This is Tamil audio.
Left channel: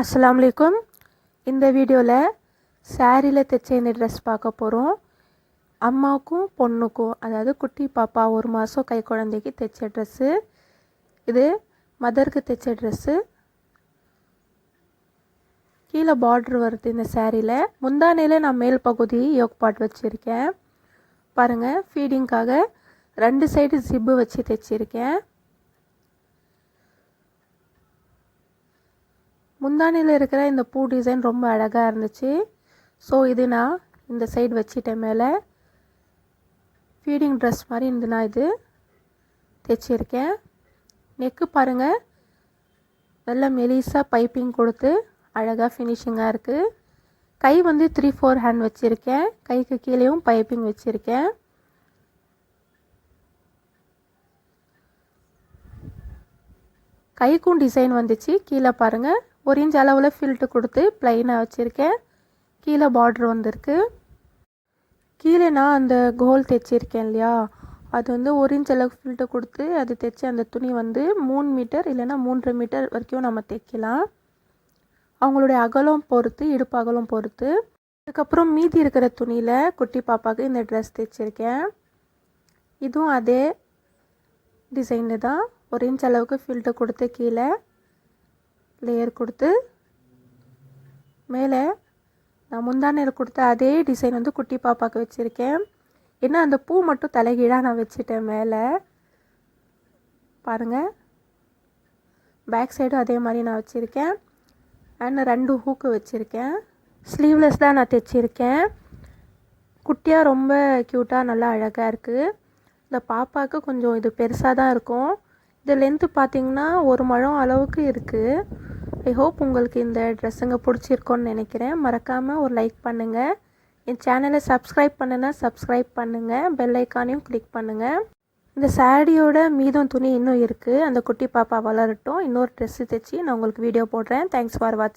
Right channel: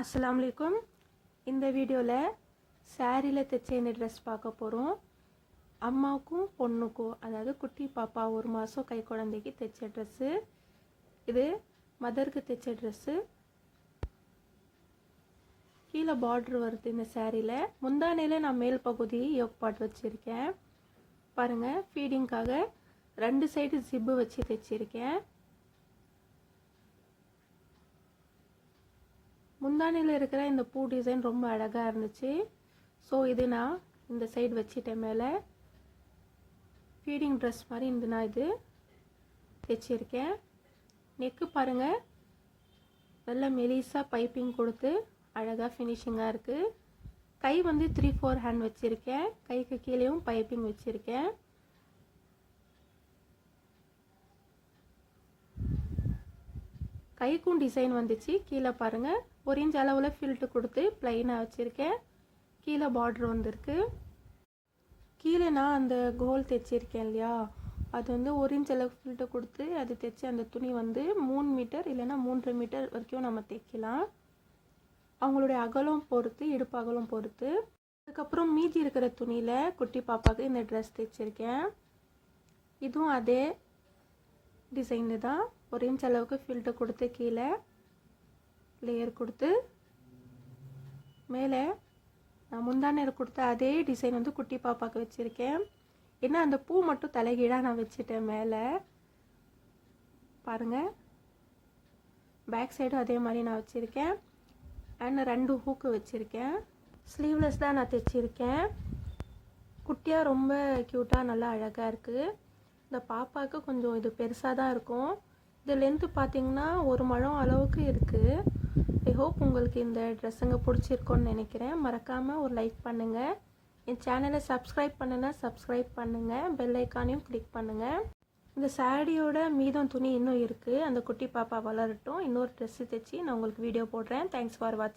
அஸ்ஸலாமு அலைக்கும். இந்த வீடியோவில் சாரியில் தைச்ச இந்த ட்ரெஸ் பார்க்க போகிறோம். அம்மாவுக்கும் பொண்ணுக்கும், அதாவது குட்டி பாப்பா 1 மாதம் கை குழந்தைக்கு தைச்ச ட்ரெஸ்ஸு. இது மதருக்கு தைச்ச ட்ரெஸ்ஸு. கீழே பார்ட்ரு வருது இந்த சாரியில். முந்தானையில் நான் மேல் பகுதி யோக் பாட் வச்சுருக்கேன். பாருங்கள், ஃபீடிங்காக 2 சைடு ஜிப்பு வச்சு தைச்சிருக்கேன். முந்தானியில் இருக்கிற இந்த பூ டிசைன் ரொம்ப அழகாக இருந்துச்சு. ஸோ இது நான் இந்த சைடு வச்சிட்டேன். மேலே ஃபீடிங் ட்ரெஸ் மாதிரி நான் இது தைச்சிருக்கேன். நெக்கு பாருங்கள், நல்ல மெலிசாக பைப்பிங் கொடுத்து அழகாக ஃபினிஷிங்காக இருக்குது. கை 3/4 ஹேண்ட் வச்சுருக்கேன். கைக்கு கீழேயும் பைப்பிங் வச்சுருக்கேன். கைக்கும் டிசைன் வந்துச்சு. கீழே பாருங்கள், 1 இன்ச் அளவில் ஃபில்ட்டு கொடுத்து ப்ளைனாக வச்சுருக்கேன். கீழே பார்ட்ரு வந்திருக்கு. கீழே நான் அந்த கோல் தைச்சிருக்கேன் இல்லையா, அது 1 இன்ச் அளவுக்கு ஃபில்ட்டு கொடுத்து அது தைச்சி அந்த துணி 3 மீட்டர் இல்லைன்னா 3.5 மீட்டர் வரைக்கும் நம்ம தைக்கலாம். அவங்களுடைய அகலம் பொறுத்து, இடுப்பு அகலம் பொறுத்து. அதுக்கப்புறம் மீதி இருக்கிற துணியில் குட்டி பாப்பாவுக்கு இந்த ட்ரெஸ் தைச்சிருக்கேன். இதுவும் அதே டிசைனில் தான். 1 இன்ச் அளவுக்கு ஃபில்ட்டு கொடுத்து கீழே லேயர் கொடுத்து மேலே நான் முந்தானையில் கொடுத்த அதே டிசைன் குட்டி பாப்பாவுக்கு வச்சுருக்கேன். ஏன்னா அந்த பூ மட்டும் தலைகீழாக நான் வச்சுட்டேன் மேலே. பாருங்கள், பேக் சைடும் அதே மாதிரி நான் வச்சுருக்கேன். அண்ட் 2 ஹூக்கு வச்சுருக்கேன். ஸ்லீவ்லெஸ் தான் நான் தைச்சிருக்கேன். குட்டியாக ரொம்ப க்யூட்டாக நல்லா அழகாக இருக்குது. இந்த பாப்பாவுக்கு கொஞ்சம் இது பெருசாக தான் இருக்கும். இது லென்த்து பார்த்திங்கன்னா 1 முழம் அளவுக்கு இருக்குது. ஐ ஹோப் உங்களுக்கு இந்த ட்ரெஸ்ஸுங்க பிடிச்சிருக்கோன்னு நினைக்கிறேன். மறக்காமல் ஒரு லைக் பண்ணுங்கள். என் சேனலை சப்ஸ்கிரைப் பண்ணுன்னா சப்ஸ்கிரைப் பண்ணுங்கள். பெல் ஐக்கானையும் கிளிக் பண்ணுங்கள். இந்த சாரியோட மீதம் துணி இன்னும் இருக்குது. அந்த குட்டி பாப்பா வளரட்டும். இன்னொரு ட்ரெஸ்ஸு தைச்சி நான் உங்களுக்கு வீடியோ போடுறேன். தேங்க்ஸ் ஃபார் வாட்சிங்.